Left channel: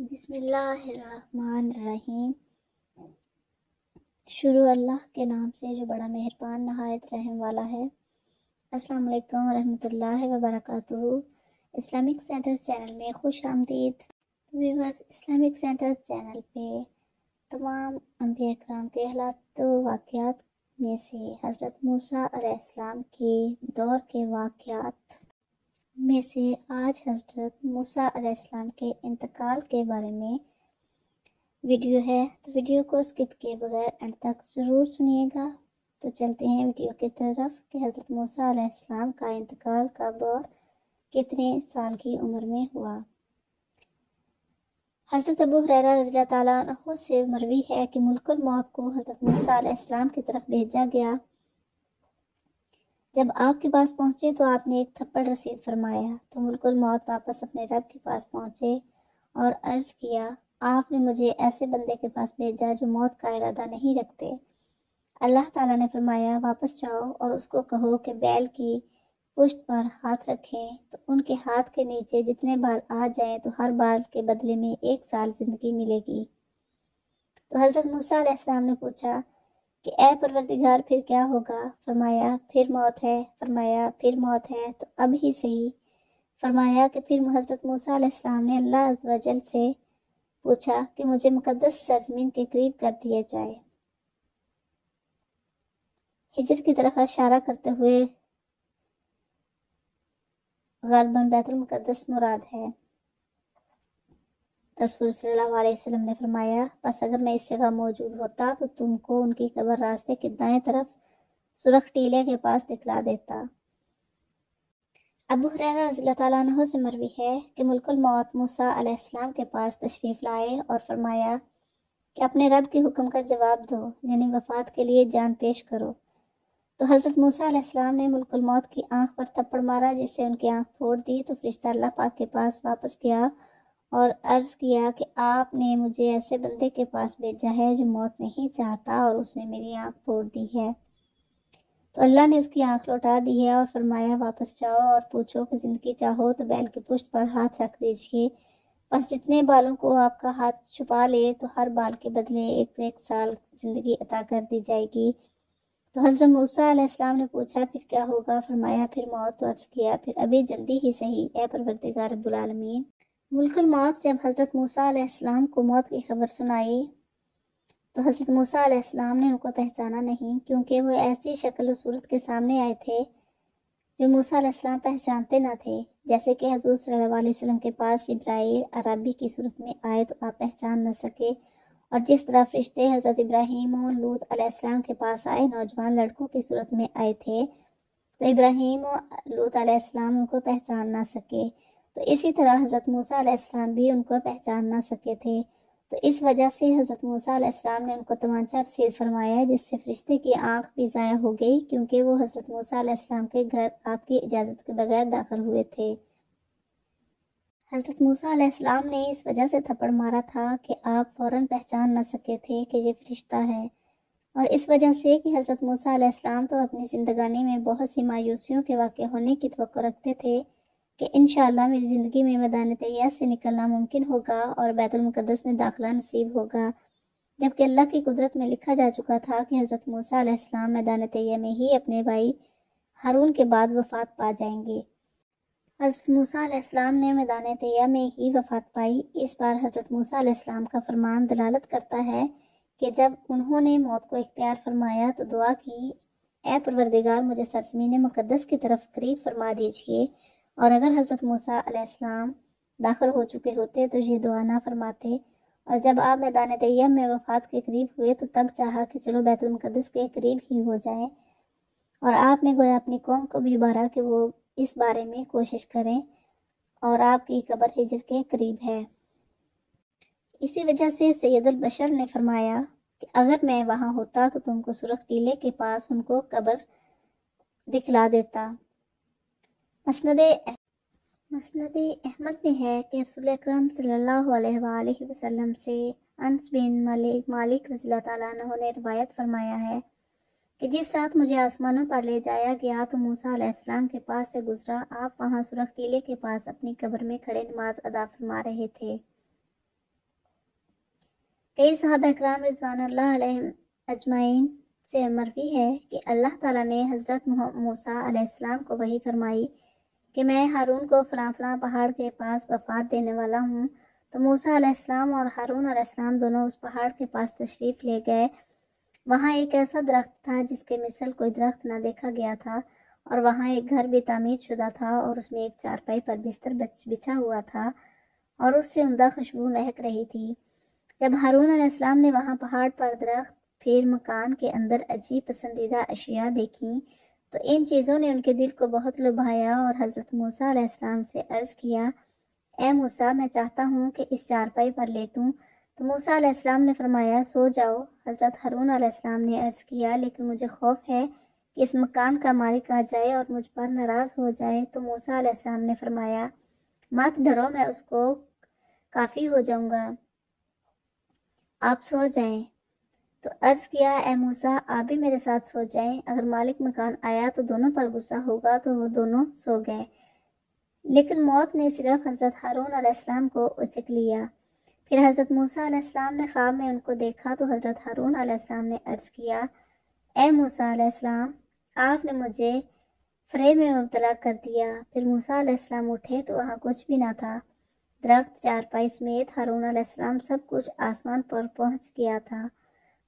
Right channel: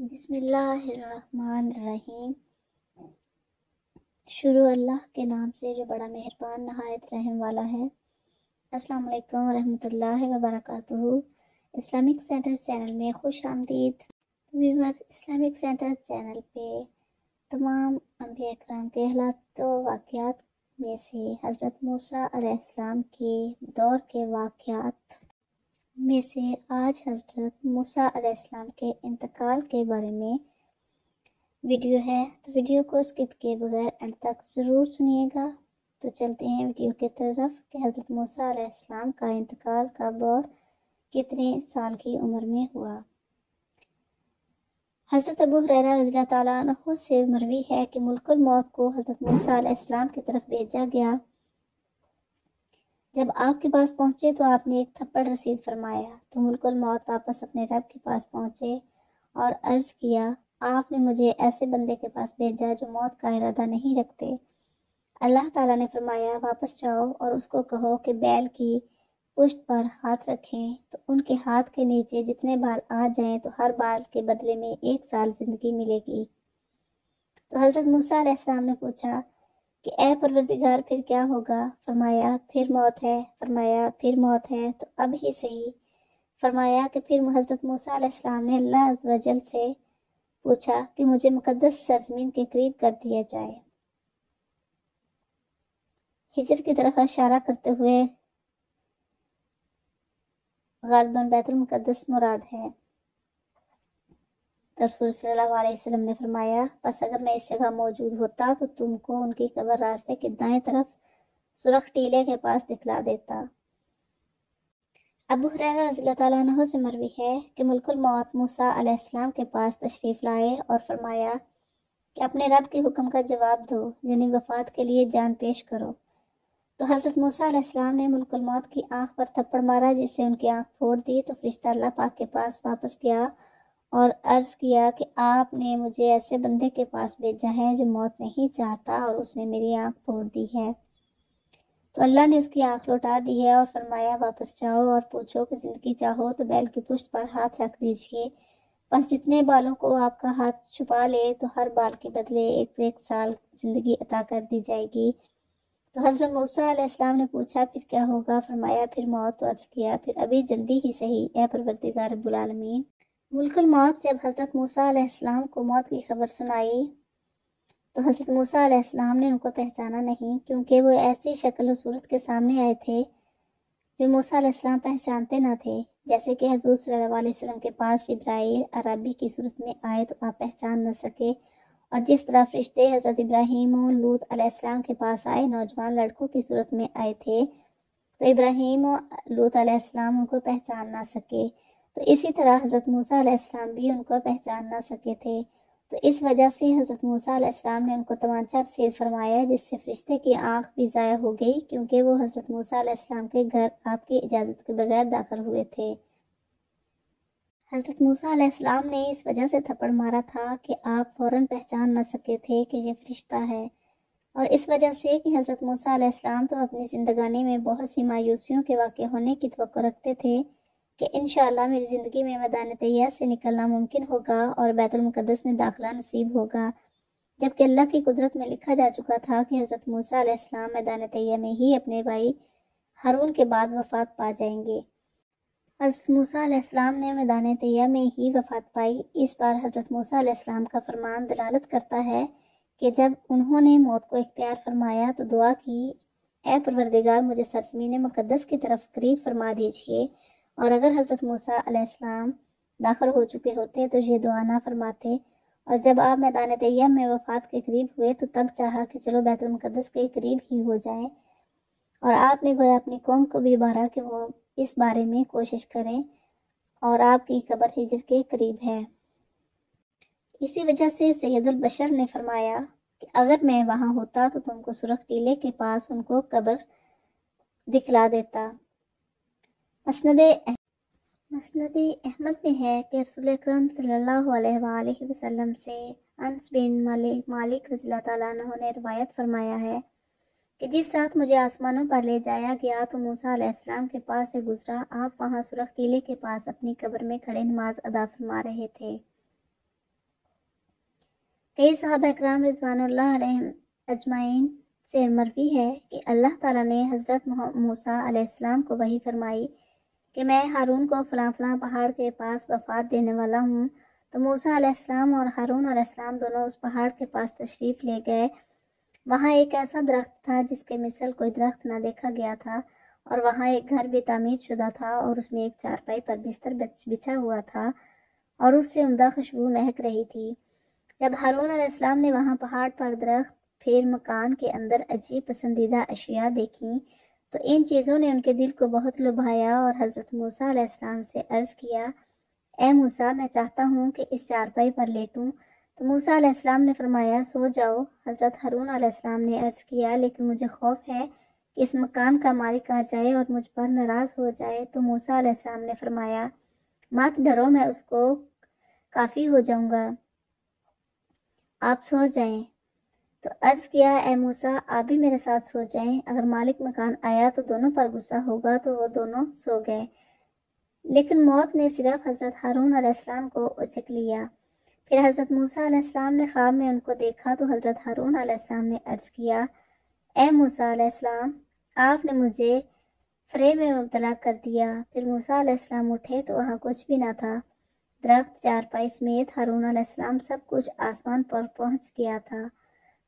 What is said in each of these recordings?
بسم اللہ الرحمن الرحیم۔ شروع اللہ کے نام سے جو بڑا مہربان نہایت رحم والا ہے۔ السلام علیکم ورحمۃ اللہ وبرکاتہ۔ اسلامک سینٹر چینل میں خوش آمدید ویورز۔ اسلامک سینٹر چینل پہ تمام انبیاء کرام کے حالات و واقعات میں سے حضرت موسیٰ علیہ السلام کی دور کے واقعات میں سے آج حضرت موسیٰ علیہ السلام کے انتقال کے بارے میں ویڈیو ہے، تو ویڈیو کو اسکپ کیے بغیر اینڈ تک ضرور سنیے گا۔ تو چلتے ہیں ویڈیو کی طرف کہ حضرت موسیٰ علیہ السلام کا انتقال کب اور کتنے سال کی عمر میں ہوا۔ حضرت ابو ہریرہ رضی اللہ تعالیٰ عنہ سے مروی ہے کہ ملک الموت کو حضرت موسیٰ علیہ السلام کی طرف بھیجا گیا۔ جب آپ کے پاس پہنچے تو آپ نے ایک تھپڑ رسید فرمایا، تو ملک الموت واپس اپنے رب کے پاس پہنچے اور عرض کیا، آپ نے مجھے ایسے بندے کے پاس بھیجا جو موت کا ارادہ نہیں رکھتے۔ اللہ تعالیٰ نے فرمایا، واپس جاؤ اور اس کو کہو کہ بیل کی پشت پر ہاتھ رکھیں، تو ان کے ہاتھ کے نیچے جتنے بال آ جائیں تو ہر بال کے بدلے میں 1 سال زندگی ملے گی۔ تو حضرت موسیٰ علیہ السلام نے پوچھا کہ اے پروردگار پھر کیا ہوگا؟ فرمایا پھر موت ہے۔ فرمایا پھر موت ہے تو اب ہی صحیح۔ فرمایا کہ پھر حضرت موسیٰ علیہ السلام نے اللہ عز و جل سے پوچھا کہ مجھے مقدس سرزمین کے قریب کر دیا جائے۔ ہجر کی طرف اشارہ کرتے ہوئے غالباً بیت المقدس مراد ہے۔ رسول صلی اللہ علیہ وسلم نے فرمایا، بس اگر میں اس جگہ موجود ہوتا تو تم کو ان کی قبر راستے کے دائیں طرف سرخ ٹیلے کے پاس دکھلا دیتا۔ ابو ہریرہ رضی اللہ تعالیٰ عنہ سے مروی ہے کہ ملک الموت موسیٰ علیہ السلام کے پاس تشریف لائے اور فرمایا کہ اپنے رب کے حکم کا جواب دو، یعنی وفات کے لیے جان پیش کرو۔ تو حضرت موسیٰ علیہ السلام نے ملک الموت کی آنکھ پر تھپڑ مارا، جس سے ان کی آنکھ پھوڑ دی۔ تو فرشتہ اللہ پاک کے پاس واپس گیا اور عرض کیا کہ آپ نے مجھے ایسے بندے کے پاس بھیجا ہے جو موت نہیں چاہتا اور اس نے میری آنکھ پھوڑ دی ہے۔ تو اللہ نے اس کی آنکھ لوٹا دی ہے اور فرمایا، واپس جاؤ اور پوچھو کہ زندگی چاہو تو بیل کی پشت پر ہاتھ رکھ دیجئے، بس جتنے بالوں کو آپ کا ہاتھ چھپا لے تو ہر بال کے بدلے 1 سال زندگی عطا کر دی جائے گی۔ تو حضرت موسیٰ علیہ السلام نے پوچھا پھر کیا ہوگا؟ فرمایا پھر موت۔ تو عرض کیا پھر ابھی جلدی ہی صحیح، اے پروردگار رب العالمین۔ ملک الموت جب حضرت موسیٰ علیہ السلام کو موت کی خبر سنائی تو حضرت موسیٰ علیہ السلام نے ان کو پہچانا نہیں، کیونکہ وہ ایسی شکل و صورت کے سامنے آئے تھے جو موسیٰ علیہ السلام پہچانتے نہ تھے، جیسے کہ حضور صلی اللہ علیہ وسلم کے پاس جبرائیل عربی کی صورت میں آئے تو آپ پہچان نہ سکے، اور جس طرح فرشتے حضرت ابراہیم و لوط علیہ السلام کے پاس آئے نوجوان لڑکوں کی صورت میں آئے تھے تو ابراہیم و لوط علیہ السلام ان کو پہچان نہ سکے، تو اسی طرح حضرت موسیٰ علیہ السلام بھی ان کو پہچان نہ سکے تھے۔ تو اس وجہ سے حضرت موسیٰ علیہ السلام نے ان کو تمانچہ رسید فرمایا، جس سے فرشتے کی آنکھ بھی ضائع ہو گئی، کیونکہ وہ حضرت موسیٰ علیہ السلام کے گھر آپ کی اجازت کے بغیر داخل ہوئے تھے۔ حضرت موسیٰ علیہ السلام نے اس وجہ سے تھپڑ مارا تھا کہ آپ فوراً پہچان نہ سکے تھے کہ یہ فرشتہ ہے، اور اس وجہ سے کہ حضرت موسیٰ علیہ السلام تو اپنی زندگانی میں بہت سی مایوسیوں کے واقع ہونے کی توقع رکھتے تھے کہ انشاءاللہ میری زندگی میں میدان طیہ سے نکلنا ممکن ہوگا اور بیت المقدس میں داخلہ نصیب ہوگا، جبکہ اللہ کی قدرت میں لکھا جا چکا تھا کہ حضرت موسیٰ علیہ السلام میدان طیہ میں ہی اپنے بھائی ہارون کے بعد وفات پا جائیں گے۔ حضرت موسیٰ علیہ السلام نے میدان طیہ میں ہی وفات پائی۔ اس بار حضرت موسیٰ علیہ السلام کا فرمان دلالت کرتا ہے کہ جب انہوں نے موت کو اختیار فرمایا تو دعا کی، اے پروردگار مجھے سرزمین مقدس کی طرف قریب فرما دیجئے، اور اگر حضرت موسیٰ علیہ السلام داخل ہو چکے ہوتے تو یہ دعا نہ فرماتے، اور جب آپ میدان طیہ میں وفات کے قریب ہوئے تو تب چاہا کہ چلو بیت المقدس کے قریب ہی ہو جائیں، اور آپ نے گویا اپنی قوم کو بھی ابھارا کہ وہ اس بارے میں کوشش کریں، اور آپ کی قبر ہجر کے قریب ہے۔ اسی وجہ سے سید البشر نے فرمایا کہ اگر میں وہاں ہوتا تو تم کو سرخ ٹیلے کے پاس ان کو قبر دکھلا دیتا۔ مسند احمد میں ہے کہ رسول اکرم صلی اللہ علیہ وآلہ وسلم سے انس بن مالک رضی اللہ تعالیٰ عنہ نے روایت فرمایا ہے کہ جس رات مجھے آسمانوں پر لے جایا گیا تو موسیٰ علیہ السلام کے پاس سے گزرا، آپ وہاں سرخ ٹیلے کے پاس اپنی قبر میں کھڑے نماز ادا فرما رہے تھے۔ کئی صحابہ اکرام رضوان اللہ علیہم اجمعین سے مروی ہے کہ اللہ تعالیٰ نے حضرت موسیٰ علیہ السلام کو وحی فرمائی کہ میں ہارون کو فلاں فلاں پہاڑ کے پاس وفات دینے والا ہوں، تو موسیٰ علیہ السلام اور ہارون علیہ السلام دونوں اس پہاڑ کے پاس تشریف لے گئے۔ وہاں ایک ایسا درخت تھا جس کے مثل کوئی درخت نہ دیکھا گیا تھا، اور وہاں ایک گھر بھی تعمیر شدہ تھا، اور اس میں ایک چارپائی پر بستر بچھا ہوا تھا، اور اس سے عمدہ خوشبو مہک رہی تھی۔ جب ہارون علیہ السلام نے وہاں پہاڑ پر درخت، پھر مکان کے اندر عجیب پسندیدہ اشیاء دیکھیں تو ان چیزوں نے ان کے دل کو بہت لبھایا، اور حضرت موسیٰ علیہ السلام سے عرض کیا، اے موسیٰ، میں چاہتا ہوں کہ اس چارپائی پر لیٹوں۔ تو موسیٰ علیہ السلام نے فرمایا، سو جاؤ۔ حضرت ہارون علیہ السلام نے عرض کیا، لیکن مجھے خوف ہے کہ اس مکان کا مالک آ جائے اور مجھ پر ناراض ہو جائے۔ تو موسیٰ علیہ السلام نے فرمایا، مت ڈرو، میں اس کو کافی ہو جاؤں گا، آپ سو جائیں۔ تو عرض کیا، اے موسیٰ، آپ بھی میرے ساتھ سو جائیں، اگر مالک مکان آیا تو دونوں پر غصہ ہوگا۔ تو وہ دونوں سو گئے، لیکن موت نے صرف حضرت ہارون علیہ السلام کو اچک لیا۔ پھر حضرت موسیٰ علیہ السلام نے خواب میں ان کو دیکھا تو حضرت ہارون علیہ السلام نے عرض کیا، اے موسیٰ علیہ السلام، آپ نے مجھے فریب میں مبتلا کر دیا۔ پھر موسیٰ علیہ السلام اٹھے تو وہاں کچھ بھی نہ تھا، درخت، چارپائی سمیت ہارون علیہ السلام سب کچھ آسمان پر پہنچ گیا تھا۔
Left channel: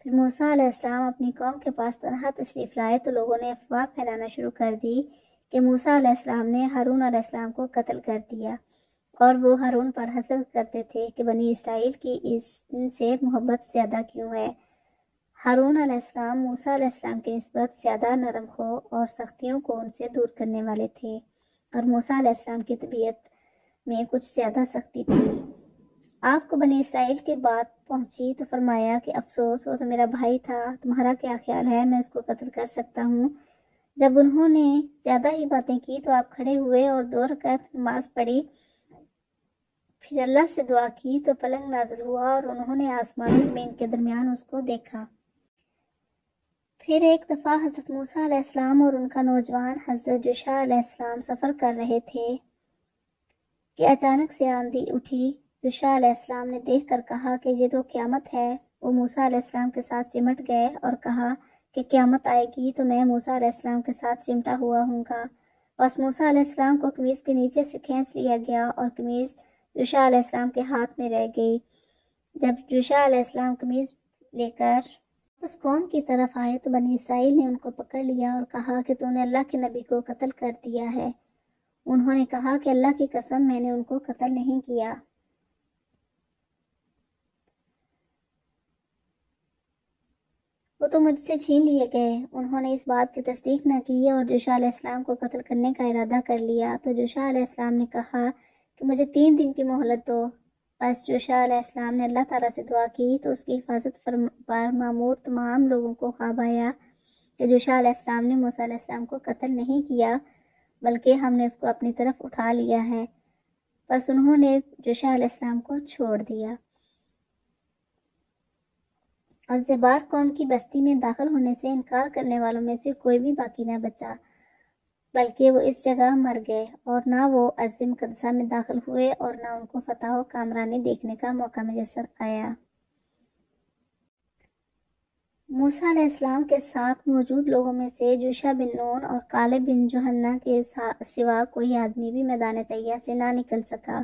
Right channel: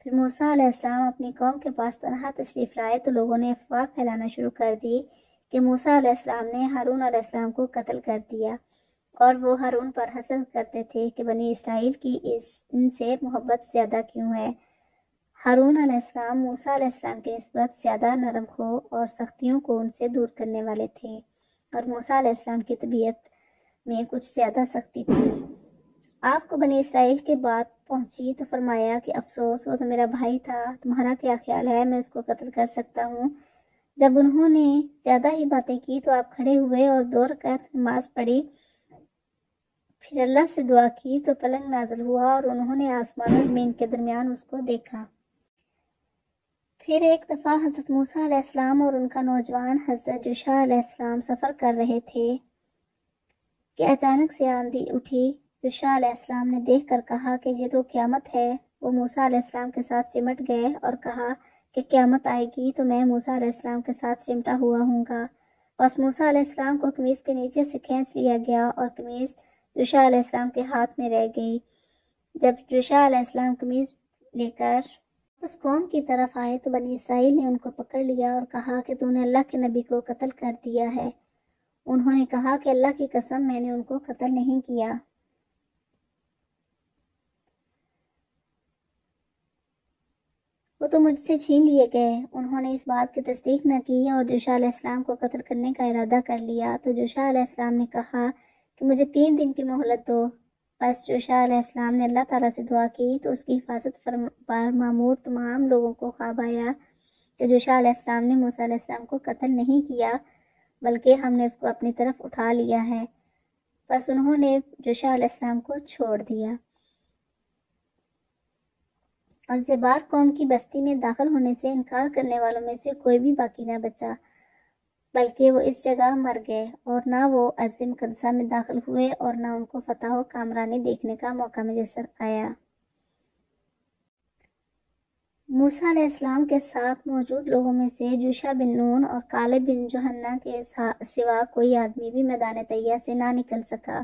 پھر موسیٰ علیہ السلام اپنی قوم کے پاس تنہا تشریف لائے تو لوگوں نے افواہ پھیلانا شروع کر دی کہ موسیٰ علیہ السلام نے ہارون علیہ السلام کو قتل کر دیا، اور وہ ہارون پر حسد کرتے تھے کہ بنی اسرائیل کی ان سے محبت زیادہ کیوں ہے۔ ہارون علیہ السلام موسیٰ علیہ السلام کی نسبت زیادہ نرم خو اور سختیوں کو ان سے دور کرنے والے تھے، اور موسیٰ علیہ السلام کی طبیعت میں کچھ زیادہ سختی تھی۔ آپ کو بنی اسرائیل کی بات پہنچی تو فرمایا کہ افسوس، وہ تو میرا بھائی تھا، تمہارا کیا خیال ہے، میں اس کو قتل کر سکتا ہوں؟ جب انہوں نے زیادہ ہی باتیں کی تو آپ کھڑے ہوئے اور 2 رکعت نماز پڑھی، پھر اللہ سے دعا کی تو پلنگ نازل ہوا اور انہوں نے آسمان و زمین کے درمیان اس کو دیکھا۔ پھر ایک دفعہ حضرت موسیٰ علیہ السلام اور ان کا نوجوان حضرت یوشع علیہ السلام سفر کر رہے تھے کہ اچانک سے آندھی اٹھی۔ یوشع علیہ السلام نے دیکھ کر کہا کہ یہ تو قیامت ہے۔ وہ موسیٰ علیہ السلام کے ساتھ چمٹ گئے اور کہا کہ قیامت آئے گی تو میں موسیٰ علیہ السلام کے ساتھ چمٹا ہوا ہوں گا۔ بس موسیٰ علیہ السلام کو قمیص کے نیچے سے کھینچ لیا گیا اور قمیص یوشع علیہ السلام کے ہاتھ میں رہ گئی۔ جب یوشع علیہ السلام قمیص لے کر اس قوم کی طرف آئے تو بنی اسرائیل نے ان کو پکڑ لیا اور کہا کہ تو نے اللہ کے نبی کو قتل کر دیا ہے۔ انہوں نے کہا کہ اللہ کی قسم، میں نے ان کو قتل نہیں کیا۔ وہ تو مجھ سے چھین لیے گئے۔ انہوں نے اس بات کی تصدیق نہ کی اور یوشع علیہ السلام کو قتل کرنے کا ارادہ کر لیا۔ تو یوشع علیہ السلام نے کہا کہ مجھے 3 دن کی مہلت دو۔ بس یوشع علیہ السلام نے اللہ تعالیٰ سے دعا کی تو اس کی حفاظت پر معمور تمام لوگوں کو خواب آیا کہ یوشع علیہ السلام نے موسیٰ علیہ السلام کو قتل نہیں کیا، بلکہ ہم نے اس کو اپنی طرف اٹھا لیا ہے۔ بس انہوں نے یوشع علیہ السلام کو چھوڑ دیا، اور زبار قوم کی بستی میں داخل ہونے سے انکار کرنے والوں میں سے کوئی بھی باقی نہ بچا، بلکہ وہ اس جگہ مر گئے، اور نہ وہ ارض مقدسہ میں داخل ہوئے اور نہ ان کو فتح و کامرانی دیکھنے کا موقع میسر آیا۔ موسیٰ علیہ السلام کے ساتھ موجود لوگوں میں سے یوشع بن نون اور کالب بن یوحنا کے سوا کوئی آدمی بھی میدان طیہ سے نہ نکل سکا۔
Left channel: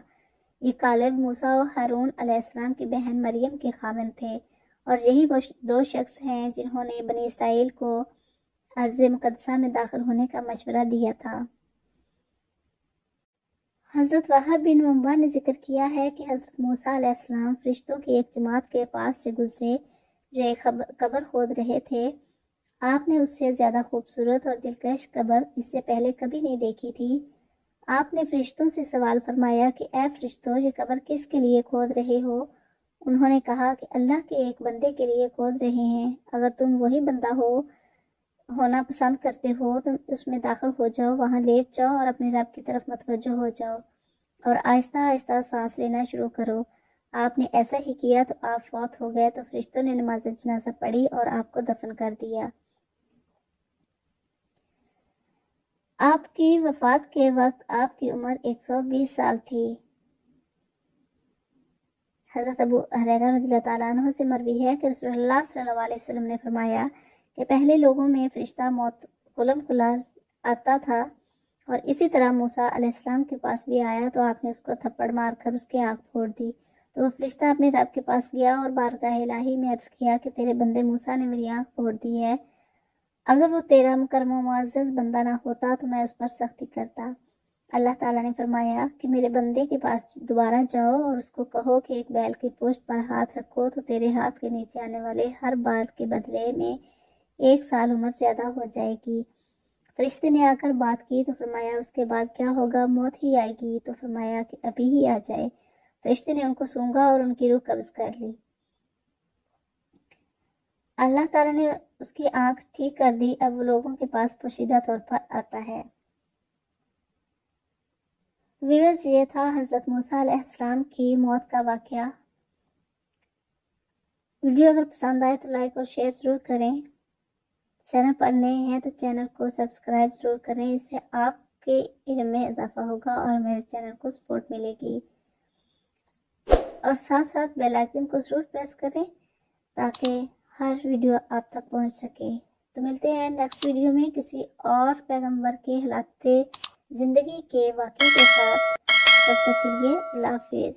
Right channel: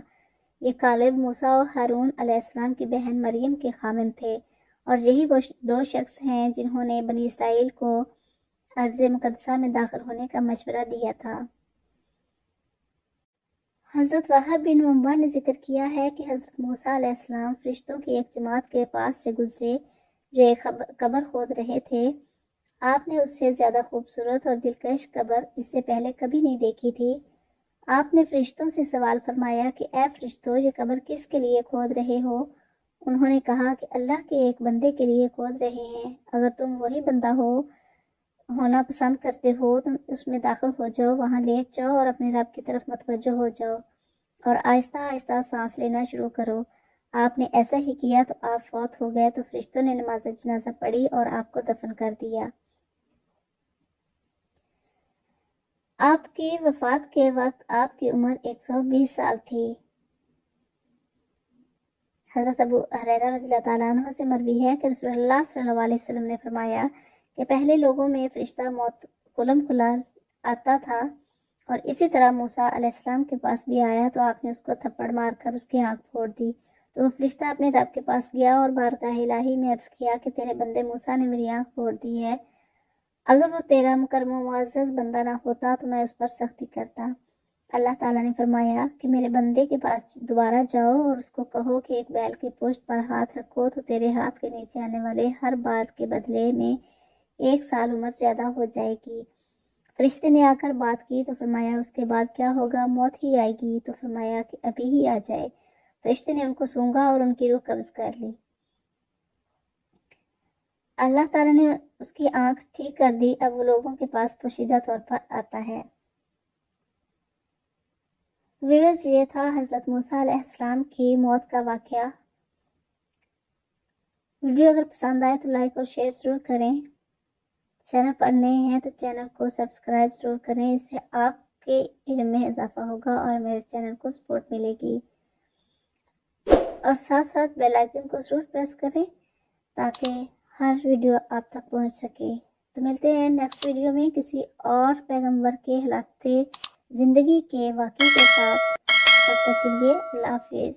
یہ کالب موسیٰ و ہارون علیہ السلام کی بہن مریم کے خاوند تھے، اور یہی وہ 2 شخص ہیں جنہوں نے بنی اسرائیل کو ارض مقدسہ میں داخل ہونے کا مشورہ دیا تھا۔ حضرت وہب بن منبع نے ذکر کیا ہے کہ حضرت موسیٰ علیہ السلام فرشتوں کی ایک جماعت کے پاس سے گزرے جو ایک قبر کھود رہے تھے۔ آپ نے اس سے زیادہ خوبصورت اور دلکش قبر اس سے پہلے کبھی نہیں دیکھی تھی۔ آپ نے فرشتوں سے سوال فرمایا کہ اے فرشتوں، یہ قبر کس کے لیے کھود رہے ہو؟ انہوں نے کہا کہ اللہ کے ایک بندے کے لیے کھود رہے ہیں۔ اگر تم وہی بندہ ہونا پسند کرتے ہو تو اس میں داخل ہو جاؤ، وہاں لیٹ جاؤ اور اپنے رب کی طرف متوجہ ہو جاؤ اور آہستہ آہستہ سانس لینا شروع کرو۔ آپ نے ایسا ہی کیا تو آپ فوت ہو گئے۔ تو فرشتوں نے نماز جنازہ پڑھی اور آپ کو دفن کر دیا۔ آپ کی وفات کے وقت آپ کی عمر 120 سال تھی۔ حضرت ابو ہریرہ رضی اللہ تعالیٰ عنہ سے مروی ہے کہ رسول اللہ صلی اللہ علیہ وسلم نے فرمایا کہ پہلے لوگوں میں فرشتہ موت کلم کلال آتا تھا، اور اسی طرح موسیٰ علیہ السلام کے پاس بھی آیا تو آپ نے اس کو تھپڑ مار کر اس کی آنکھ پھوڑ دی۔ تو وہ فرشتہ اپنے رب کے پاس گیا اور بارگاہ الہی میں عرض کیا کہ تیرے بندے موسیٰ نے میری آنکھ پھوڑ دی ہے، اگر وہ تیرا مکرم و معزز بندہ نہ ہوتا تو میں اس پر سختی کرتا۔ اللہ تعالیٰ نے فرمایا کہ میرے بندے کے پاس دوبارہ جاؤ اور اس کو کہو کہ ایک بیل کی پشت پر ہاتھ رکھو تو تیرے ہاتھ کے نیچے آنے والے ہر بال کے بدلے میں 1 سال عمر زیادہ ہو جائے گی۔ فرشتے نے آ کر بات کی تو فرمایا اس کے بعد کیا ہوگا؟ موت ہی آئے گی۔ تو فرمایا کہ ابھی ہی آ جائے۔ فرشتے نے ان کو سونگا اور ان کی روح قبض کر لی۔ اللہ تعالیٰ نے اس کی آنکھ ٹھیک کر دی، اب وہ لوگوں کے پاس پوشیدہ طور پر آتا ہے۔ ویورز، یہ تھا حضرت موسیٰ علیہ السلام کی موت کا واقعہ۔ ویڈیو اگر پسند آئے تو لائک اور شیئر ضرور کریں۔ چینل پر نئے ہیں تو چینل کو سبسکرائب ضرور کریں، اس سے آپ کے علم میں اضافہ ہوگا اور میرے چینل کو سپورٹ ملے گی۔ اور ساتھ ساتھ بیل آئیکن کو ضرور پریس کریں تاکہ ہر ویڈیو آپ تک پہنچ سکے۔ تو ملتے ہیں نیکسٹ ویڈیو میں کسی اور پیغمبر کے حالات زندگی کے واقعے کے ساتھ۔ تب تک کے لیے اللہ حافظ۔